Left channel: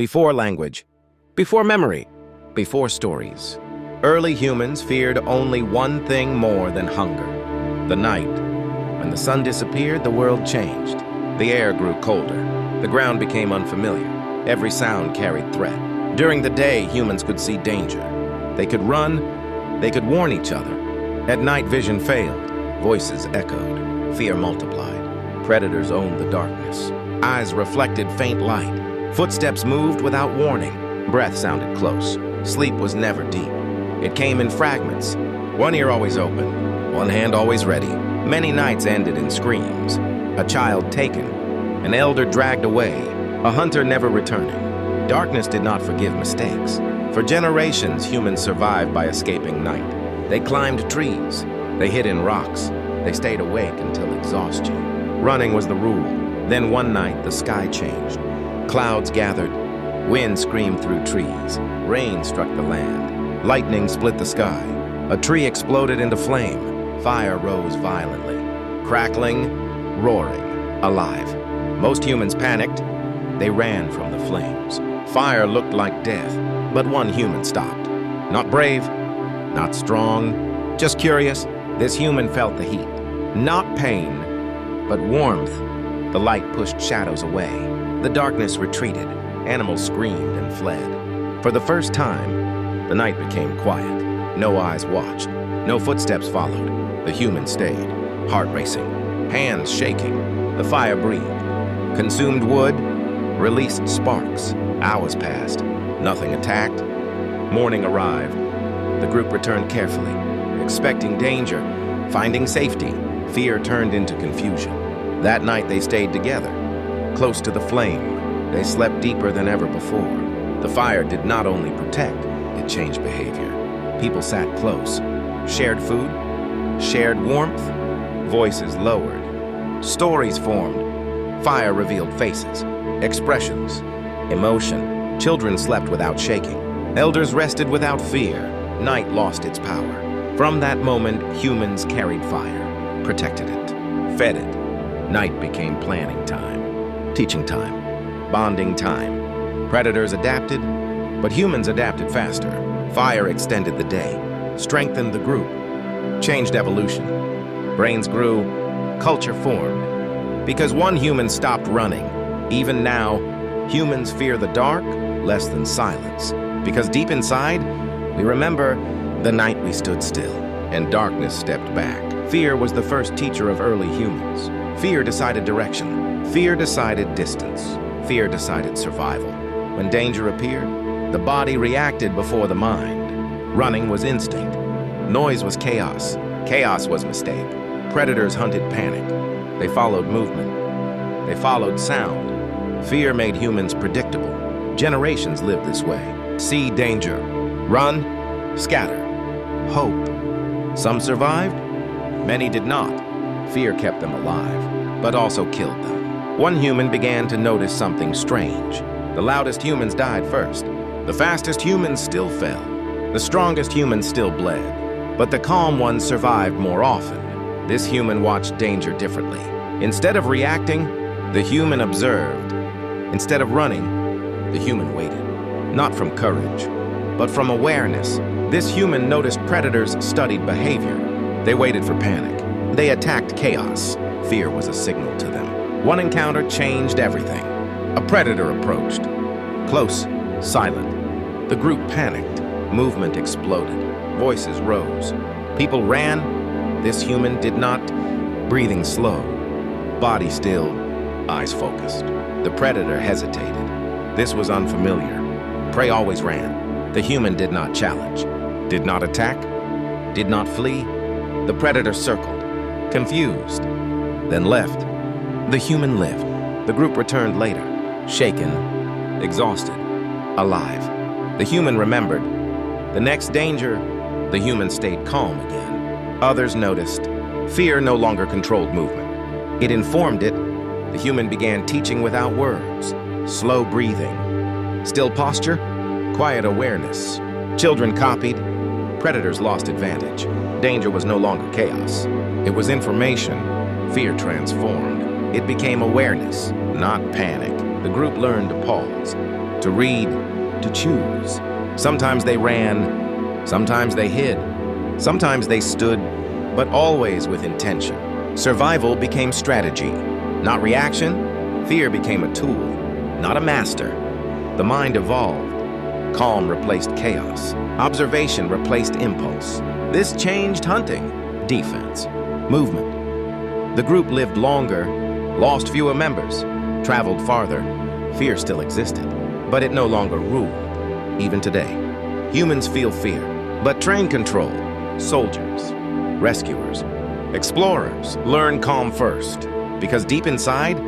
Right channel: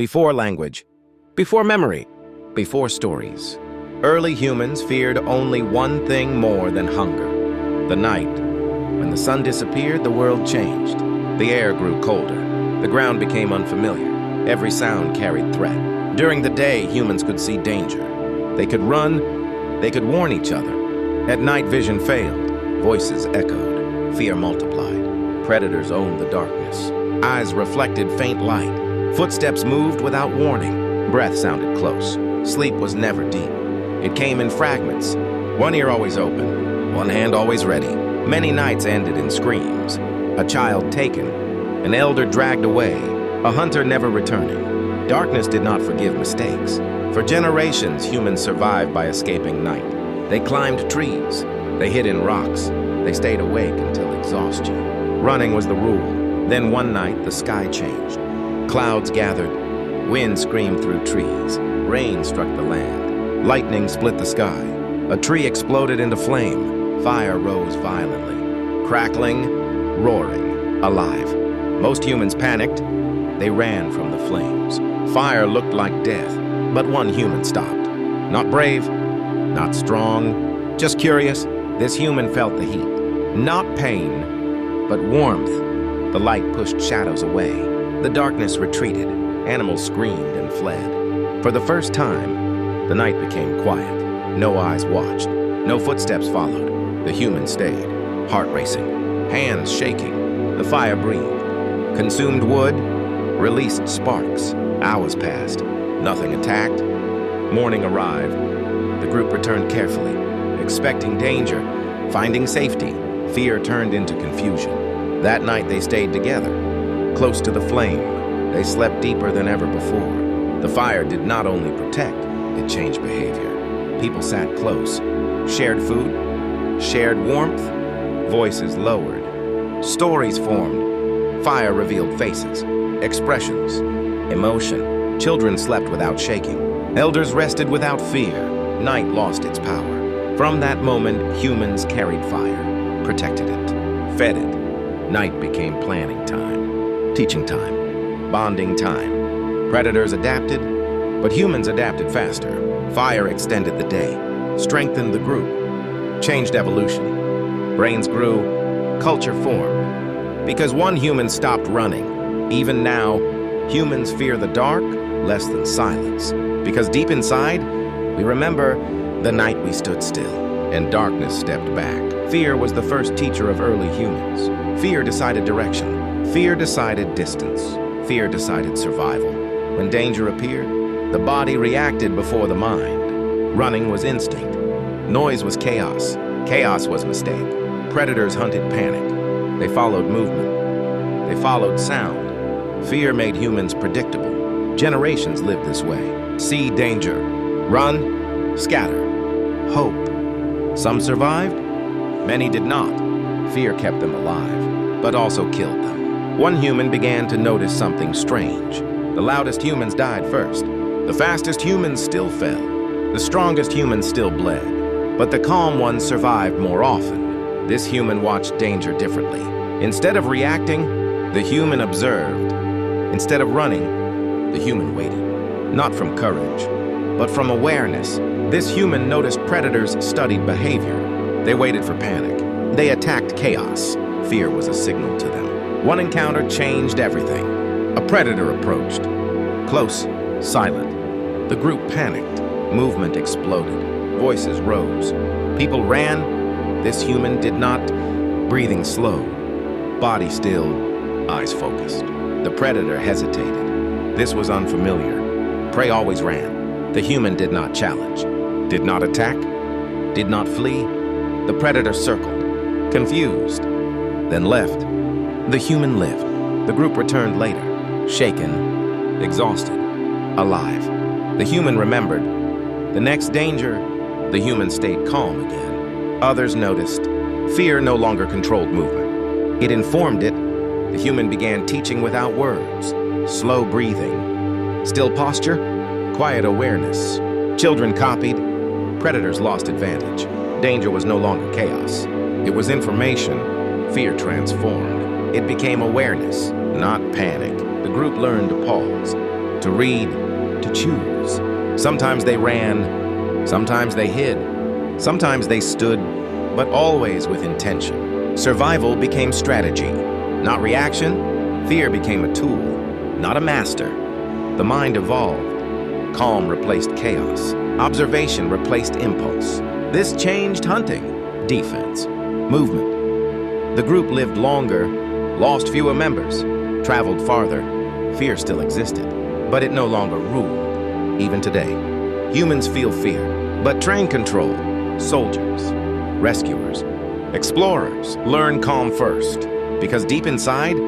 Before language, before memory, before stories, early humans feared only one thing more than hunger: the night. When the sun disappeared, the world changed. The air grew colder. The ground became unfamiliar. Every sound carried threat. During the day, humans could see danger. They could run, they could warn each other. At night, vision failed. Voices echoed. Fear multiplied. Predators owned the darkness. Eyes reflected faint light. Footsteps moved without warning. Breath sounded close. Sleep was never deep. It came in fragments. One ear always open, one hand always ready. Many nights ended in screams. A child taken, an elder dragged away, a hunter never returning. Darkness did not forgive mistakes. For generations, humans survived by escaping night. They climbed trees. They hid in rocks. They stayed awake until exhaustion. Running was the rule. Then one night, the sky changed. Clouds gathered. Wind screamed through trees. Rain struck the land. Lightning split the sky. A tree exploded into flame. Fire rose violently. Crackling, roaring, alive. Most humans panicked. They ran from the flames. Fire looked like death, but one human stopped. Not brave, not strong, just curious. This human felt the heat. Not pain, but warmth. The light pushed shadows away. The darkness retreated. Animals screamed and fled. For the first time, the night became quiet. No eyes watched. No footsteps followed. The human stayed, heart racing, hands shaking. The fire breathed. Consumed wood, released sparks. Hours passed. Nothing attacked. Morning arrived. The group returned carefully, expecting danger, finding safety. Fear turned into confusion. That night they stayed together, close to the flame. They slept deeper than ever before. The fire did not only protect, it changed behavior. People sat close, shared food, shared warmth, voices lowered. Stories formed. Fire revealed faces, expressions, emotion. Children slept without shaking. Elders rested without fear. Night lost its power. From that moment, humans carried fire, protected it, fed it. Night became planning time, teaching time, bonding time. Predators adapted, but humans adapted faster. Fire extended the day, strengthened the group, changed evolution. Brains grew, culture formed. Because one human stopped running. Even now, humans fear the dark less than silence. Because deep inside, we remember the night we stood still and darkness stepped back. Fear was the first teacher of early humans. Fear decided direction. Fear decided distance. Fear decided survival. When danger appeared, the body reacted before the mind. Running was instinct. Noise was chaos. Chaos was mistake. Predators hunted panic. They followed movement. They followed sound. Fear made humans predictable. Generations lived this way. See danger. Run. Scatter. Hope. Some survived. Many did not. Fear kept them alive, but also killed them. One human began to notice something strange. The loudest humans died first. The fastest humans still fell. The strongest humans still bled. But the calm ones survived more often. This human watched danger differently. Instead of reacting, the human observed. Instead of running, the human waited. Not from courage, but from awareness. This human noticed predators studied behavior. They waited for panic. They attacked chaos. Fear was a signal to them. One encounter changed everything. A predator approached. Close, silent. The group panicked. Movement exploded. Voices rose. People ran. This human did not. Breathing slowed. Body stilled. Eyes focused. The predator hesitated. This was unfamiliar. Prey always ran. The human did not challenge. Did not attack. Did not flee. The predator circled. Confused. Then left. The human lived. The group returned later. Shaken. Exhausted. Alive. The human remembered. The next danger, the human stayed calm again. Others noticed. Fear no longer controlled movement. It informed it. The human began teaching without words. Slow breathing. Still posture. Quiet awareness. Children copied. Predators lost advantage. Danger was no longer chaos. It was information. Fear transformed. It became awareness, not panic. The group learned to pause. to read, to choose. Sometimes they ran, sometimes they hid, sometimes they stood, but always with intention. Survival became strategy, not reaction. Fear became a tool, not a master. The mind evolved. Calm replaced chaos. Observation replaced impulse. This changed hunting, defense, movement. The group lived longer, lost fewer members, traveled farther. Fear still existed, but it no longer ruled. Even today, humans feel fear, but train control. Soldiers, rescuers, explorers learn calm first, because deep inside,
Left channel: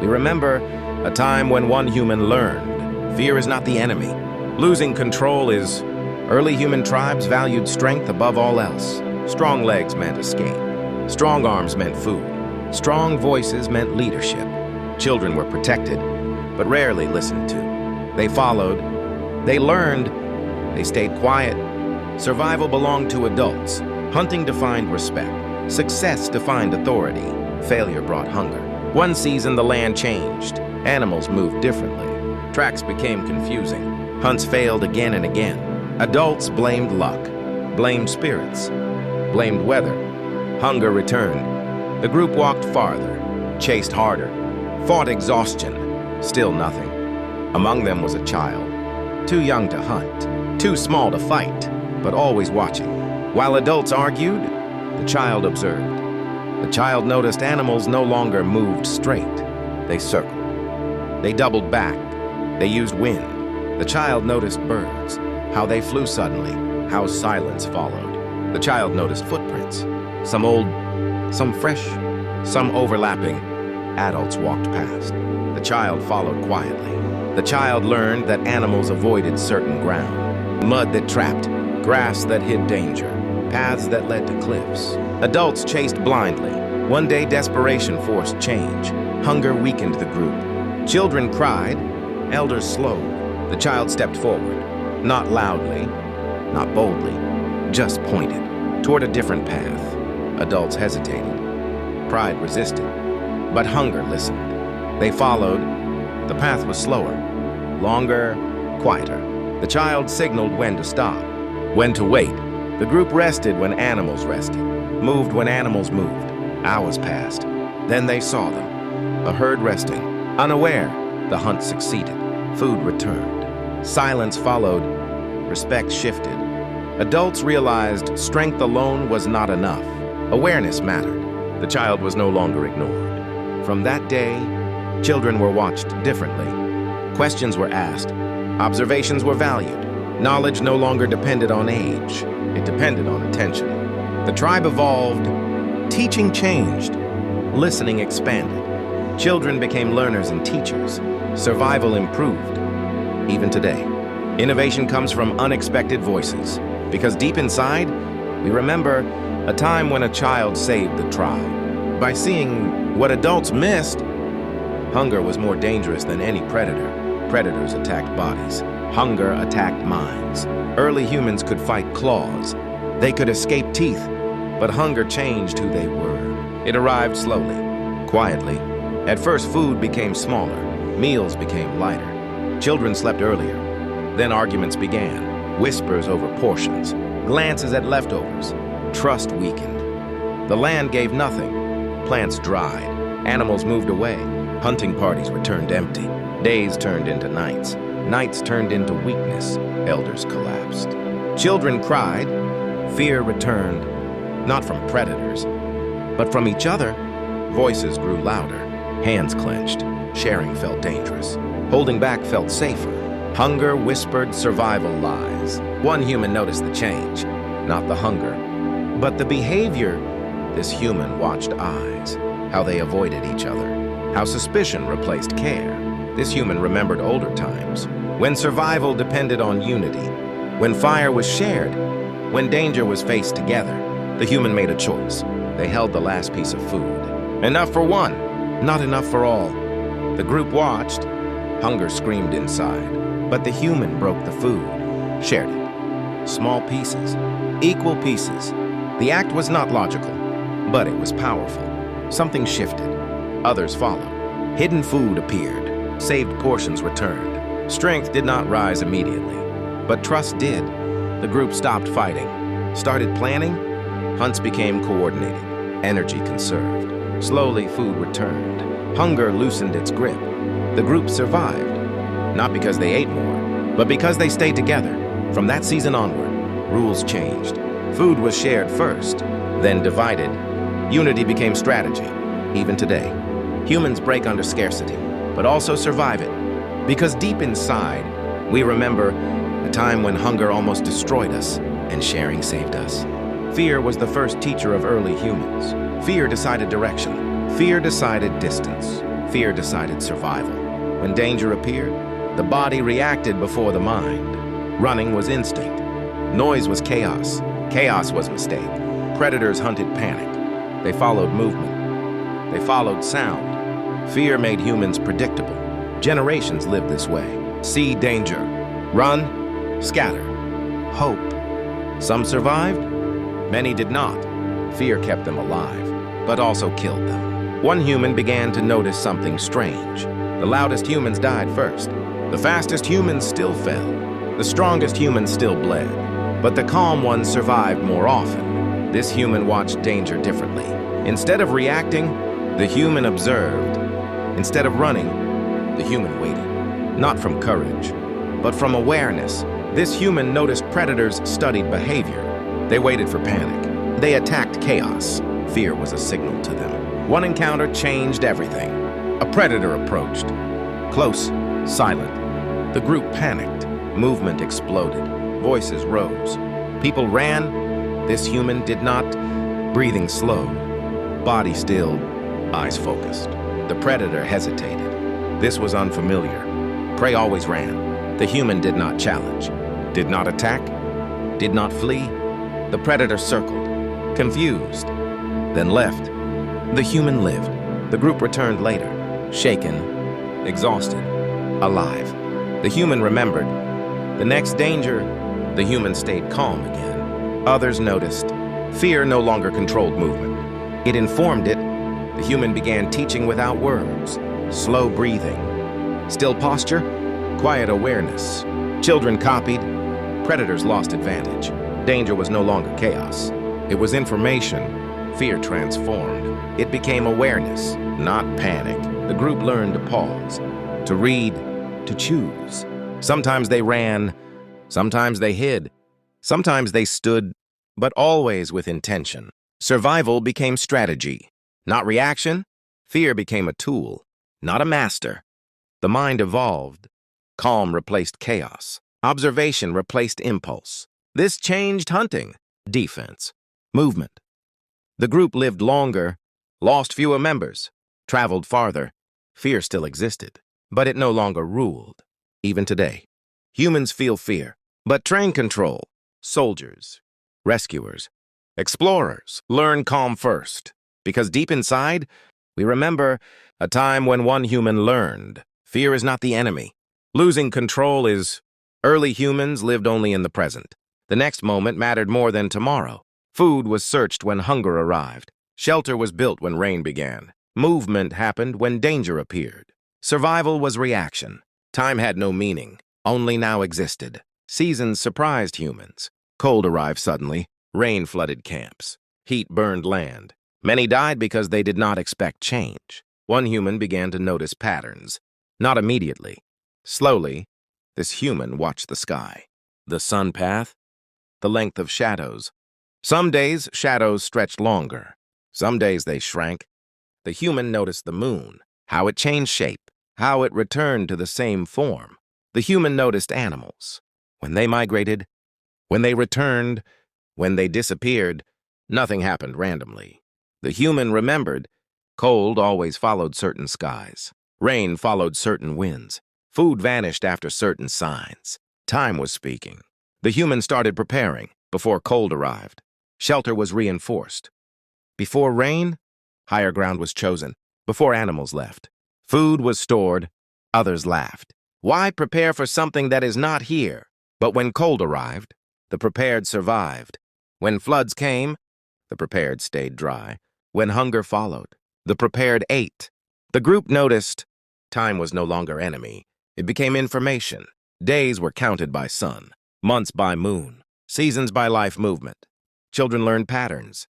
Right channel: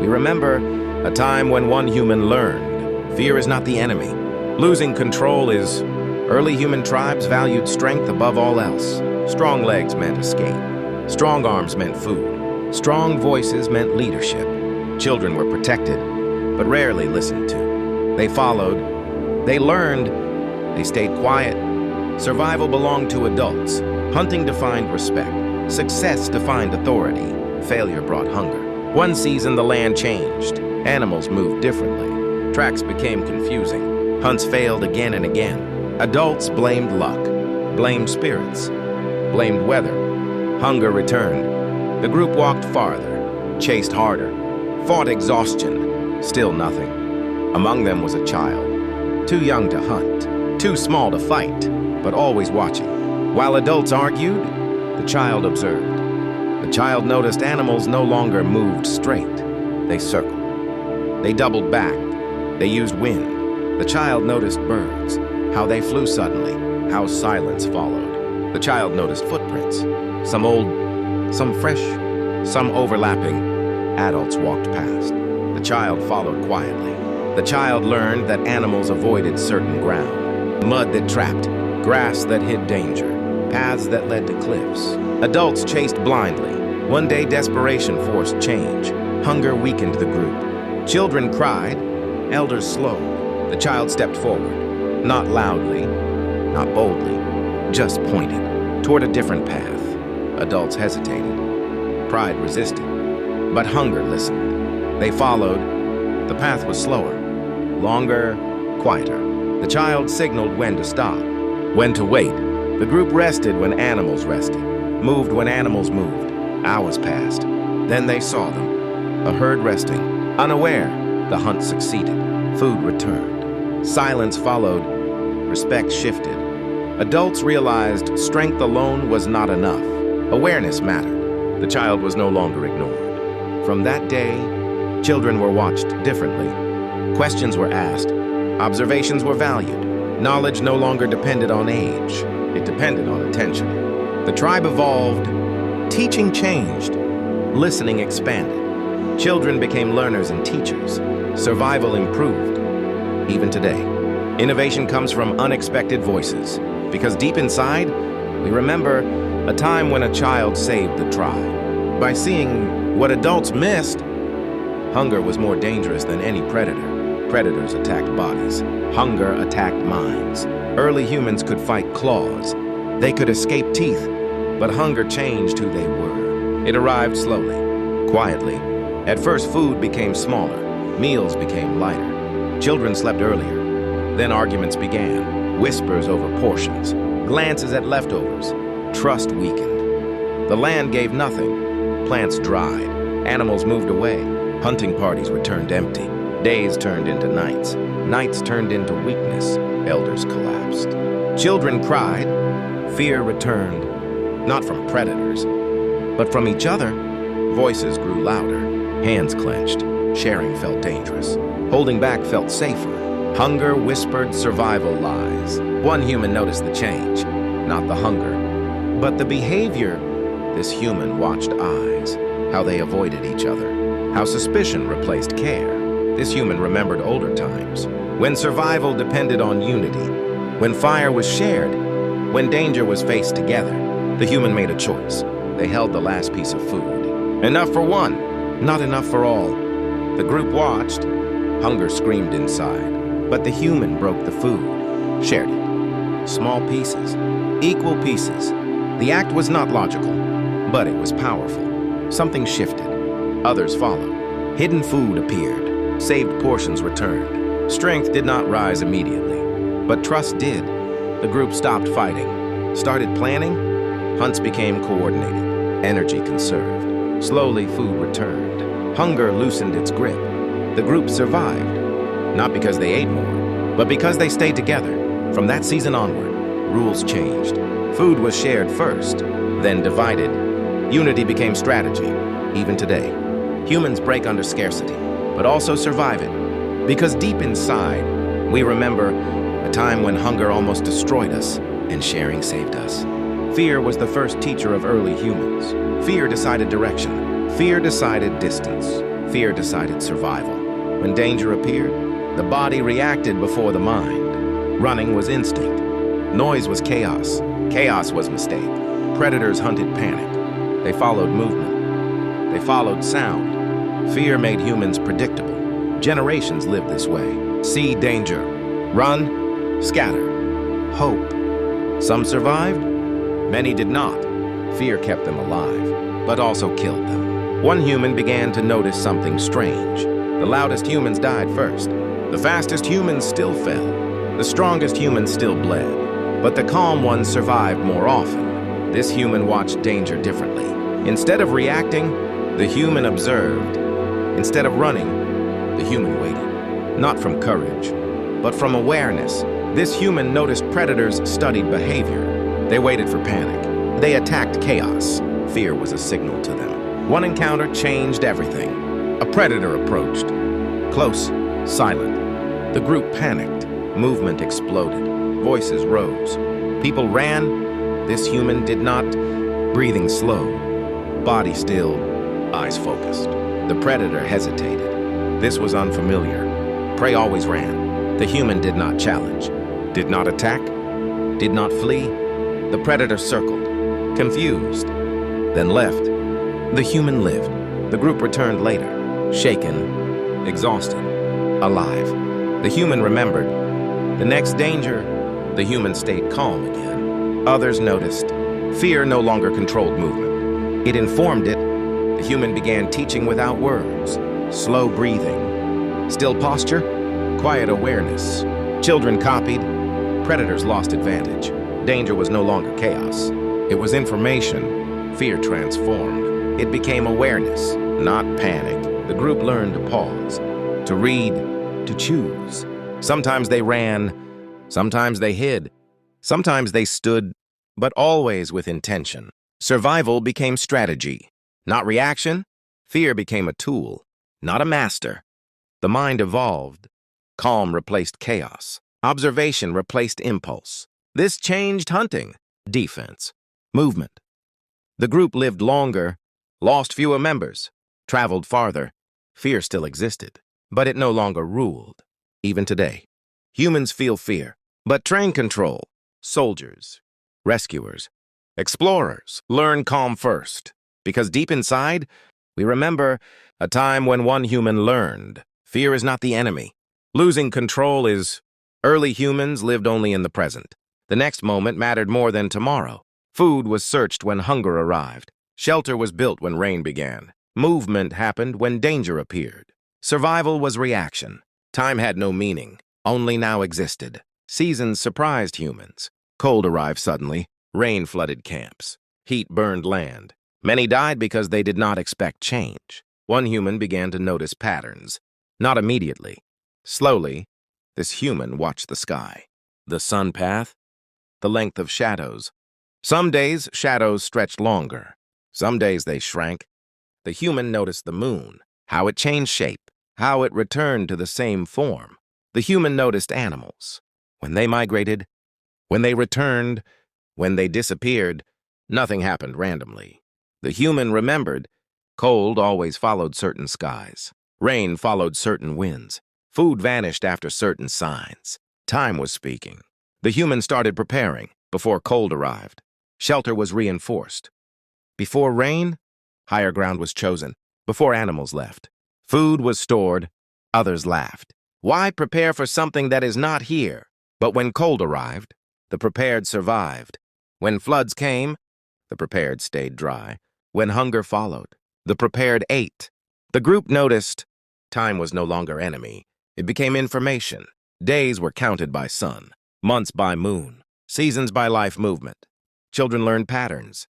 we remember a time when one human learned. Fear is not the enemy. Losing control is. Early human tribes valued strength above all else. Strong legs meant escape. Strong arms meant food. Strong voices meant leadership. Children were protected, but rarely listened to. They followed. They learned. They stayed quiet. Survival belonged to adults. Hunting defined respect. Success defined authority. Failure brought hunger. One season, the land changed. Animals moved differently. Tracks became confusing. Hunts failed again and again. Adults blamed luck, blamed spirits, blamed weather. Hunger returned. The group walked farther, chased harder, fought exhaustion. Still nothing. Among them was a child, too young to hunt, too small to fight, but always watching. While adults argued, the child observed. The child noticed animals no longer moved straight. They circled. They doubled back. They used wind. The child noticed birds, how they flew suddenly, how silence followed. The child noticed footprints, some old, some fresh, some overlapping. Adults walked past. The child followed quietly. The child learned that animals avoided certain ground. Mud that trapped, grass that hid danger, paths that led to cliffs. Adults chased blindly. One day, desperation forced change. Hunger weakened the group. Children cried, elders slowed. The child stepped forward, not loudly, not boldly, just pointed toward a different path. Adults hesitated. Pride resisted, but hunger listened. They followed. The path was slower, longer, quieter. The child signaled when to stop, when to wait. The group rested when animals rested, moved when animals moved. Hours passed. Then they saw them, a herd resting. Unaware, the hunt succeeded. Food returned. Silence followed. Respect shifted. Adults realized strength alone was not enough. Awareness mattered. The child was no longer ignored. From that day, children were watched differently. Questions were asked. Observations were valued. Knowledge no longer depended on age. It depended on attention. The tribe evolved. Teaching changed. Listening expanded. Children became learners and teachers. Survival improved. Even today, innovation comes from unexpected voices, because deep inside, we remember a time when a child saved the tribe. By seeing what adults missed, hunger was more dangerous than any predator. Predators attacked bodies. Hunger attacked minds. Early humans could fight claws. They could escape teeth, but hunger changed who they were. It arrived slowly, quietly. At first, food became smaller. Meals became lighter. Children slept earlier. Then arguments began. Whispers over portions. Glances at leftovers. Trust weakened. The land gave nothing. Plants dried. Animals moved away. Hunting parties returned empty. Days turned into nights. Nights turned into weakness. Elders collapsed. Children cried. Fear returned. Not from predators, but from each other. Voices grew louder. Hands clenched. Sharing felt dangerous. Holding back felt safer. Hunger whispered survival lies. One human noticed the change, not the hunger, but the behavior. This human watched eyes, how they avoided each other, how suspicion replaced care. This human remembered older times, when survival depended on unity, when fire was shared, when danger was faced together. The human made a choice. They held the last piece of food. Enough for one, not enough for all. The group watched. Hunger screamed inside, but the human broke the food, shared it. Small pieces, equal pieces. The act was not logical, but it was powerful. Something shifted. Others followed. Hidden food appeared. Saved portions returned. Strength did not rise immediately, but trust did. The group stopped fighting, started planning. Hunts became coordinated, energy conserved. Slowly, food returned. Hunger loosened its grip. The group survived, not because they ate more, but because they stayed together. From that season onward, rules changed. Food was shared first, then divided. Unity became strategy. Even today, humans break under scarcity, but also survive it. Because deep inside, we remember a time when hunger almost destroyed us and sharing saved us. Fear was the first teacher of early humans. Fear decided direction. Fear decided distance. Fear decided survival. When danger appeared, the body reacted before the mind. Running was instinct. Noise was chaos. Chaos was mistake. Predators hunted panic. They followed movement. They followed sound. Fear made humans predictable. Generations lived this way. See danger. Run. Scatter. Hope. Some survived. Many did not. Fear kept them alive, but also killed them. One human began to notice something strange. The loudest humans died first. The fastest humans still fell. The strongest humans still bled. But the calm ones survived more often. This human watched danger differently. Instead of reacting, the human observed. Instead of running, the human waited. Not from courage, but from awareness. This human noticed predators studied behavior. They waited for panic. They attacked chaos. Fear was a signal to them. One encounter changed everything. A predator approached. Close, silent. The group panicked. Movement exploded. Voices rose. People ran. This human did not. Breathing slowed. Body stilled. Eyes focused. The predator hesitated. This was unfamiliar. Prey always ran. The human did not challenge. Did not attack. Did not flee. The predator circled. Confused. Then left. The human lived. The group returned later. Shaken. Exhausted. Alive. The human remembered. The next danger, the human stayed calm again. Others noticed. Fear no longer controlled movement. It informed it. The human began teaching without words. Slow breathing. Still posture. Quiet awareness. Children copied. Predators lost advantage. Danger was no longer chaos. It was information. Fear transformed. It became awareness, not panic. The group learned to pause, to read, to choose. Sometimes they ran, sometimes they hid, sometimes they stood, but always with intention. Survival became strategy, not reaction. Fear became a tool, not a master. The mind evolved. Calm replaced chaos. Observation replaced impulse. This changed hunting, defense, movement. The group lived longer, lost fewer members, traveled farther. Fear still existed, but it no longer ruled. Even today, humans feel fear, but train control. Soldiers, rescuers, explorers learn calm first, because deep inside, we remember a time when one human learned. Fear is not the enemy. Losing control is. Early humans lived only in the present. The next moment mattered more than tomorrow. Food was searched when hunger arrived. Shelter was built when rain began. Movement happened when danger appeared. Survival was reaction. Time had no meaning, only now existed. Seasons surprised humans. Cold arrived suddenly. Rain flooded camps. Heat burned land. Many died because they did not expect change. One human began to notice patterns. Not immediately. Slowly, this human watched the sky. The sun path. The length of shadows. Some days, shadows stretched longer. Some days they shrank. The human noticed the moon, how it changed shape, how it returned to the same form. The human noticed animals. When they migrated, when they returned, when they disappeared, nothing happened randomly. The human remembered. Cold always followed certain skies. Rain followed certain winds. Food vanished after certain signs. Time was speaking. The human started preparing before cold arrived. Shelter was reinforced. Before rain, higher ground was chosen. Before animals left, food was stored. Others laughed. Why prepare for something that is not here? But when cold arrived, the prepared survived. When floods came, the prepared stayed dry. When hunger followed, the prepared ate. The group noticed time was no longer enemy. It became information. Days were counted by sun, months by moon, seasons by life movement. Children learned patterns.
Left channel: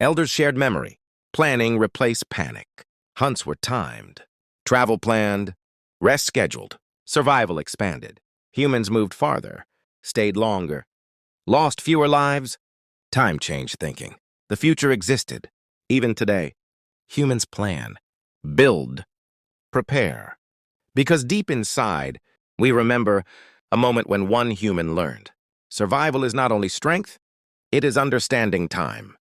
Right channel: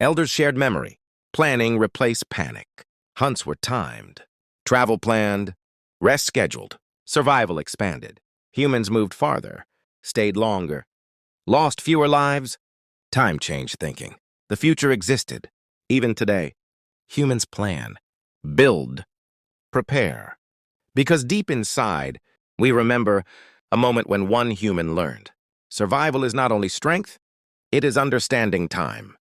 Elders shared memory. Planning replaced panic. Hunts were timed. Travel planned. Rest scheduled. Survival expanded. Humans moved farther, stayed longer, lost fewer lives. Time changed thinking. The future existed. Even today, humans plan, build, prepare. Because deep inside, we remember a moment when one human learned. Survival is not only strength, it is understanding time.